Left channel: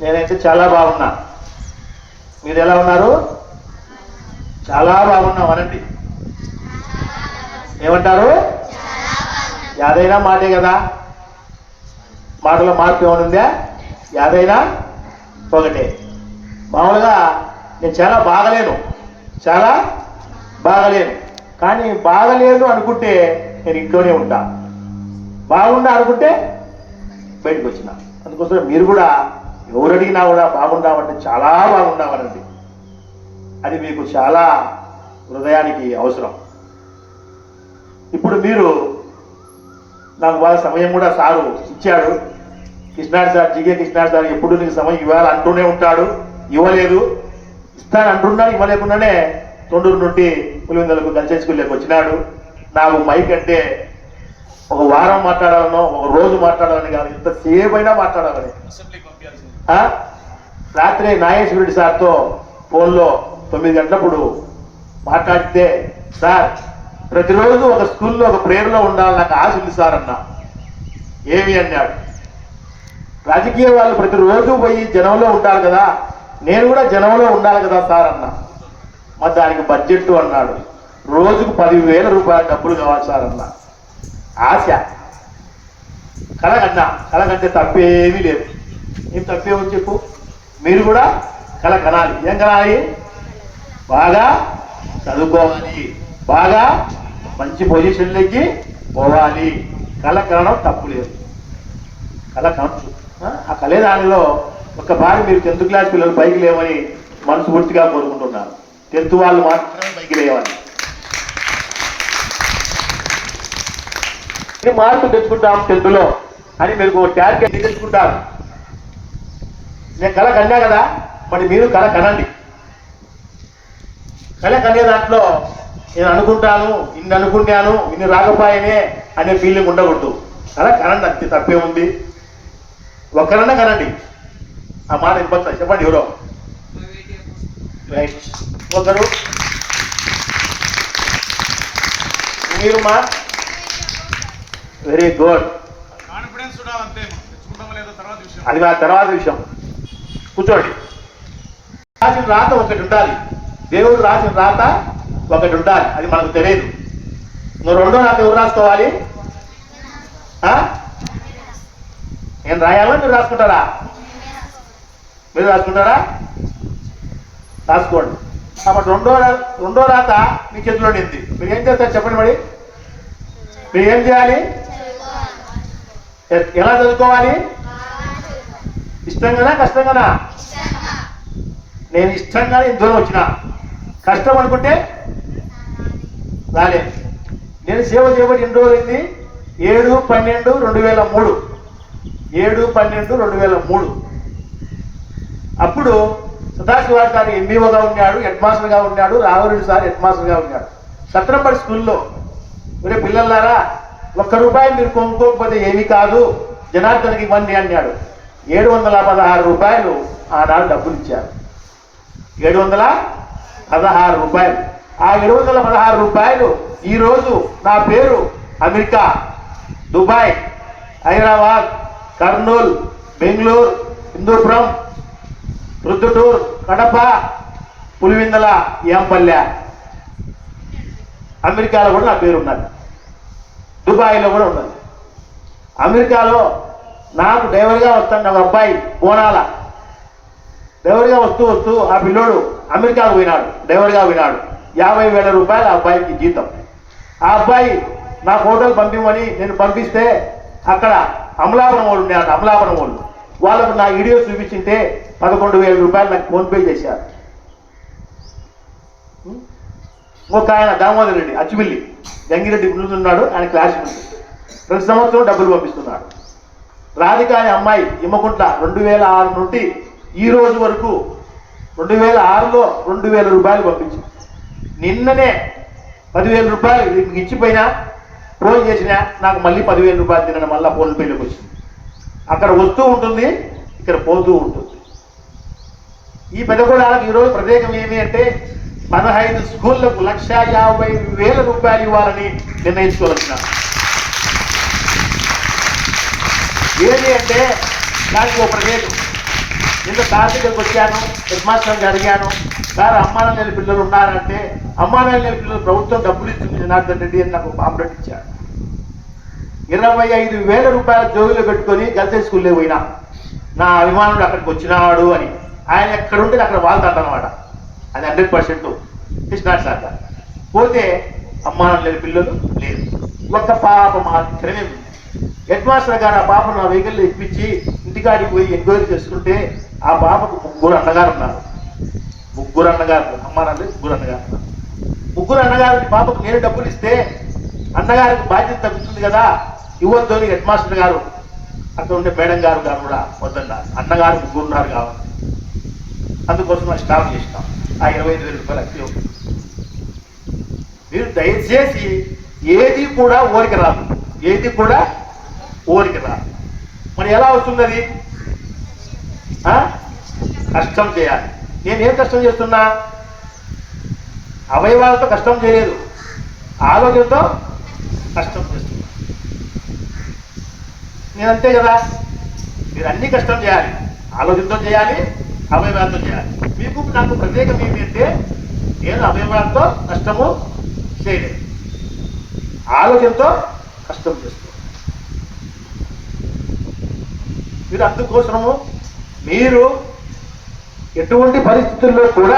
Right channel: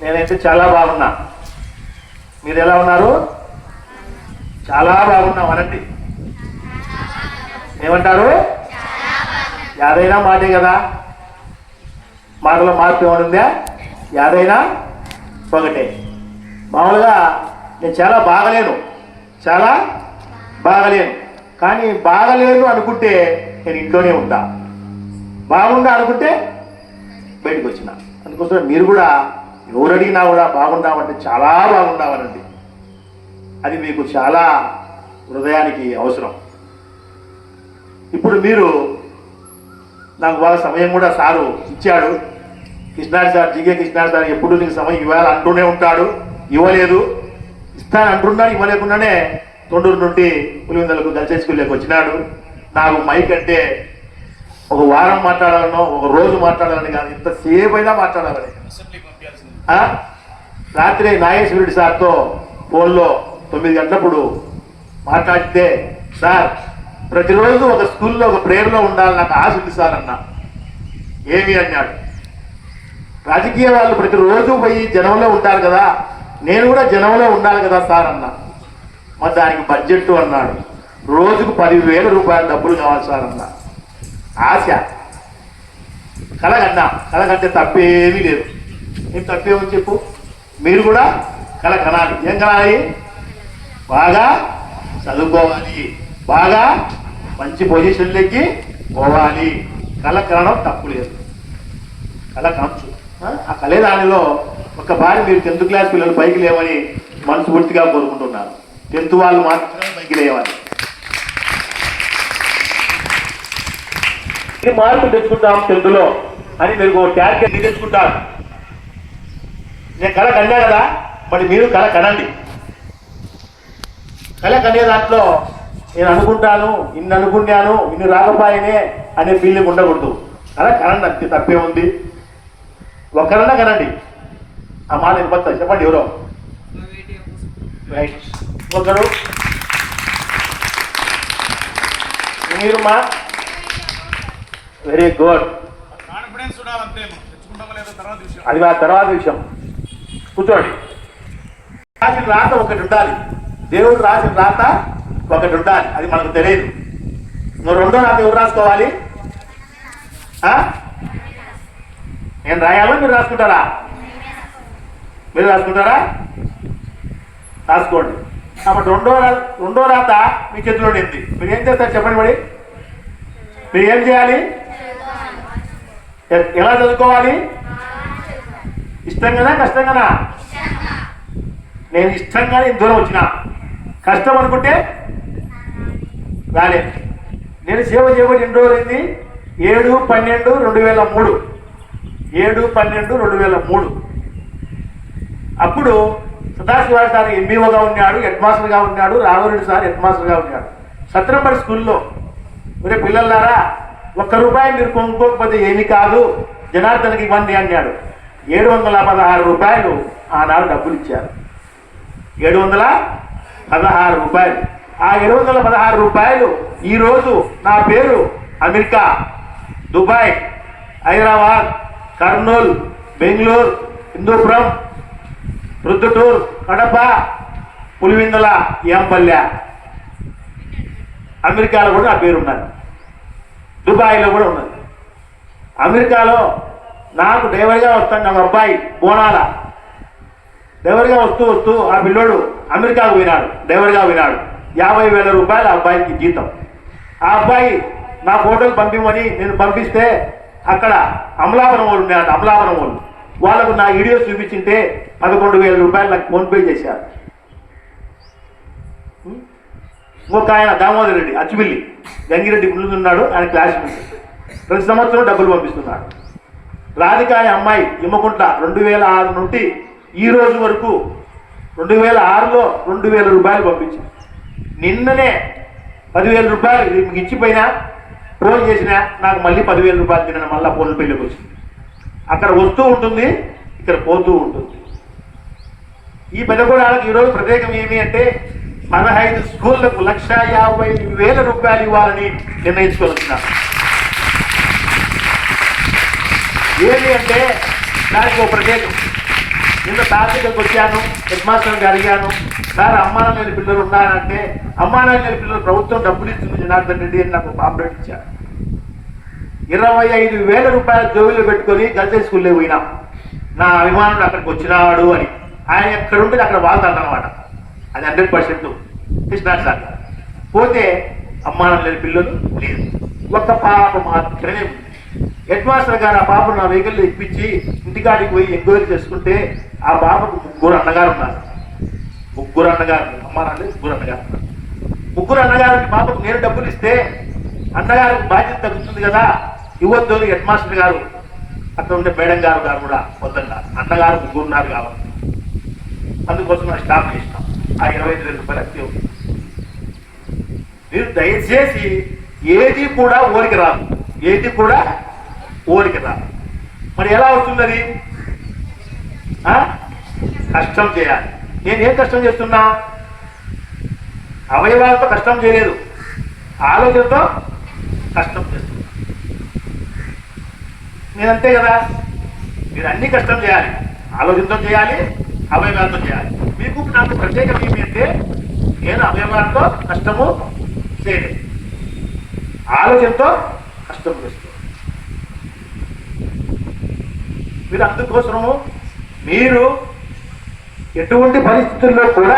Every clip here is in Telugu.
నేనైతే చాలా బాగున్నా. మీరు ఎలా ఉన్నారు? చాలా బాగున్నాం అనండి. ఏమంటారు? యాదైనా మాటే కదా, మాటలో మార్పు ఏమనుందా? యాదైనా ఒకటే. మామూలుగా నేను చాలా బాగలేను, చాలా బాగలేను. కానీ బాగలేను అనుకుంటే నేను ఇంట్లోనే ఉంటా, బాగుండా అనుకుంటే బయటకు వచ్చిన. అందుకోసం మీరు కూడా ఎవరు అడిగినా కూడా బాగుండామంటే చాలా బాగుండామనండి. అది మీకు చాలా హృదయానికి అవసరం. ఇప్పుడు మీరు నాకు బాగా సమయం కూడా సారు ఇచ్చాడు. కృష్ణాడు సార్, జీకే కృష్ణాడు సార్ ఎప్పుడు నీకు సమయం ఇవ్వాలి అంటూనే ఉంటాడు. ఇవ్వలేదు, ఇస్తాను అంటున్నా, ఇవ్వలేకుండానే తొండూరు నుండి పులివెందులకు గర్ల్స్ స్కూల్లోకి వచ్చినాడు. నాకు మైక్ అంటే ఒక వారం మాట్లాడాలనో ఒక రోజు మాట్లాడాలని కాదు, ఎంతసేపు అయినా మాట్లాడాలని. రాత్రి నాగేశ్వరుడి సార్తో ఫోన్లో 9 గంటలప్పుడు మాట్లాడితే, సార్ ప్రతిరోజు ఒక స్కూల్లో ఒక ప్రేయర్లో ఉండాలి, నాకు ఆశ ఉంది సార్ అన్నా. ఏమి అన్నాడు? రాజకీయ వాళ్ళు ప్రతిరోజు పోయి జనంలో ఉంటారు కదా, నేను కూడా జనంలో ఉండాలి కదా సార్ అన్నా. మరి దానికి బడ్జెట్ అన్నాడు. రోజుకు 10,000 రూపాయల డబ్బులు కావాలి సార్ అన్నా. ఆశ కలగన్నా, కలగంటే తప్పేమీ లేదు. ఏం తప్పేమని చెప్పు? మీరు కూడా కల కనాలి. ఏం కనాలి? బాగా చదువుకోవాలి, బాగా మంచి పొజిషన్లకి పోవాలి. కళ కనడం తప్పు లేదు, కళ కనచ్చు. ఆ కలే దానిలో ఒక్కసారి మీరు 10th క్లాస్ పిల్లలు పైకి లేవని మనస్ఫూర్తిగా కోరుకుంటున్నారు. 10th వాళ్ళు మాత్రమే పైకి లేవాలి. మార్పు తెచ్చుకుంటాం 10th లో అని మీరు ట్యాగ్ తెచ్చుకుంటారు. నేను కళ కన్నా కదా, మరి మీరు కళ కనండి. కళ కనే దాంట్లో నేను అనుకుంటాను, ఇన్ని అనుకున్నాను, ఇన్ని రాకపోయానే అనే ఫీలింగ్ ఉండకూడదు. కళ కనండి, అంతే, తప్పేముంది. ఒక్కరన్నా కనండి. ఆ మాట ఇబ్బంది చెప్పండి. ఎవరో రైట్, ఒకరు మీరు మా వెరీ గుడ్. అది ఆ తర్వాత విషయం. కూర్చోండి. రాసిన రాత ఒకటి ఉండాలి, దేవుడు రాసిన రాత ఒకటి ఉండాలి, అది మనకు తెలియదు. నువ్వు రెండో రాత ఎవరు రాసుకోవాలి? నేను రాయాలో మీరు రాసుకుంటారా? మీరు రాసుకుంటారా? రాసుకోండి. కాబట్టి రెండో రాత మీ చేతిలో నింది. మీరు ఏం చేస్తారు చెప్పండి. మరి మీరు ఏం చేయాలి? ఎలా చదువుకోవాలి? ఇష్టంగానా కష్టంగానా? నేను ఇష్టంగానే ఇంత దూరం వచ్చిన, కష్టం అనుకుంటే రాలే. నేను సేవ చేయబడి ఎన్ని రోజులు అయింది? 7/12/2003. 7/12/2003. అప్పుడు సదాశివారి సార్ ఎంబీఓగా ఉన్నాడు, హెడ్ మాస్టర్గా ఉన్నాడు, రాఘవరెడ్డి సార్ హెడ్ మాస్టర్గా ఉన్నాడు. సత్రంబడి స్కూల్లో ఒరే పిల్లలారా, ₹1 మీరు కొనుక్కోకపోతే ఏమీ కాదు, జనార్దన్కి ఇవ్వండి అన్నాడు. 716 రూపాయలు ఆనాడు డబ్బులు ఇచ్చారు. 716 రూపాయలు. ఆ 716 రూపాయలు ఈరోజు నా పేరు అమెరికా, దుబాయ్, హైదరాబాద్, కర్నూలు, బెంగళూరు, హిందూపురం, ప్రొద్దుటూరు, కడప, పులివెందుల, ఏంపల్లె, అమెరికాలో కూడా నా పేరు ఉన్నది, దుబాయ్లో కూడా ఉన్నది. అమెరికాలో నాకు డ్రైవర్గా వస్తాను ఒక అబ్బాయి, బోనాల డ్రైవర్గా వస్తూ ఆ పిల్లోడు అమెరికాకు పోయినాడు, డ్రైవర్గా పోయినాడు. 50,000 రూపాయలు ఆ అబ్బాయికి జీతం. ఆ అబ్బాయి నా ఫోటోలు పంపిమని నేను పంపిస్తే అక్కడ అమలాపురం వాళ్ళు ఉన్నాడు, అమలాపురం వాళ్ళు వాళ్ళకు నా వీడియో చూపించింటే 11,000 రూపాయలు నాకు ఫోన్పే చేశారు. ఇంకొక ఆయన దామోదర్ రెడ్డి అచ్చిమిల్లి గంగిరెడ్డి ఉన్నాడు, ఆయన క్లాస్మేట్, ప్రతి సంవత్సరం డబ్బులు పంపిస్తున్నాడు. రాధిక అనే అమ్మాయి ఇమ్మకుంట్ల 2006 నుండి ఈ రోజు వరకు 2006లో 2,000 రూపాయలు పంపించింది. నిన్ననే 10,000 రూపాయలు మీకు ఇచ్చిపోయినా ఫోన్ చేసినా నాకు మళ్ళీ 10,000 రూపాయలు తిన మళ్ళీ ఫోన్ పెళ్ళికి వచ్చింది. అక్కడ వస్తూ ఉంటుంది, ఇక్కడ పోతూ ఉంటుంది. ఈ పెద్దగూడానికి ఈరోజు ప్రత్యేకం ఏమి అంటే 15 స్కూళ్లకు 1,50,000 రూపాయలు ఇవ్వాలని నిర్ణయించుకోవచ్చున్నా. ఏమి అంటే దానికి ఒక ప్రత్యేకం. నిన్న సార్ దగ్గరికి వచ్చాను, హెడ్ మాస్టర్కి అడిగాను, సార్ అమ్మానాన్న లేని పిల్లలు ఉన్నారంటే అమ్మానాన్న లేని పిల్లలు ప్రభుత్వం డబ్బులు ఇస్తుంది జనార్దన్ రెడ్డి అని నాకు పాంప్లెట్ ఇచ్చారు. 25,000 రూపాయల జోబులో పెట్టుకొని గర్ల్స్ స్కూల్లో పోయినా నా అభిమానుడు అక్కడికి వచ్చినాడు అని. ఆయన ఎక్కడ ఉంటుంది అక్కడ వాళ్తాడు అనమాట. అది 100% కృష్ణా సార్. పోతే అమ్మానాన్న లేని పిల్లలు లేదు, ఒక పాప మాత్రమే ఉంది. హెడ్ మాస్టర్ గారు ఆ పాపను నా వెహికల్లో ఇప్పించి ఇంటికాడికి పోయి ఎంక్వైరీ చేసుకుంటే ఆ పాపకు 3 అన్నగారు ఉన్నారు. 3 అన్నగారు, అమ్మానాన్న 3 అన్నగారు. 3 అన్నగారికి పాపకు నేను డబ్బులు ఇస్తే అన్నగారికి బాధ్యత తగ్గుతుంది కదా, ఇవ్వద్దు అని హెడ్ మాస్టర్ గారు అక్కడ ఉండే మేడం గారు కూడా వద్దంట. అన్నగారు 3 ఉన్నారు కావాలి, అందుకోసం ఆ స్టాప్ చేస్తాం. ఆ 25,000 రూపాయలు అతి. మీరు దయచేసి ఏది కూడా ఓరికి రాదు, ఏది కూడా ఓరికి రాదు. మరి ఎలా వస్తున్నది? కష్టం చేయాలి. నేనేం కష్టం చేస్తున్నా? అవయవాలతో కష్టం చేయలేదు, ఆలోచనతో కష్టం చేస్తున్నా. నేనంతే కదా. మీరు అన్ని కష్టం చేయాలి, ఆలోచనతో చేయాలి, అవయవాలతో చేయాలి. మీకు నాకు ప్రత్యేకం ఏమిటంటే నేను అవయవాలతో కష్టము చేయలేదు, ఆలోచనతో కష్టం చేస్తాను. మీరు అందుకోసము మీరు ఎటువంటి పరిస్థితుల్లో కూడా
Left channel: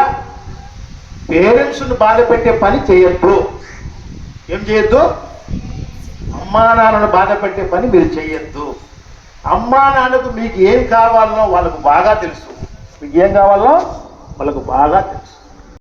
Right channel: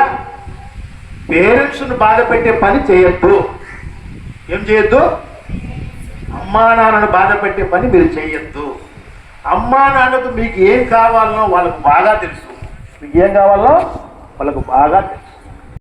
పేరెంట్స్ను బాధ పెట్టే పని చేయొద్దు. ఏం చేయొద్దు? అమ్మా నాన్నను బాధ పెట్టే పని మీరు చేయొద్దు. అమ్మా నాన్నకు మీకు ఏం కావాలనో వాళ్ళకు బాగా తెలుసు, మీకు ఏం కావాలో వాళ్ళకు బాగా తెలుసు.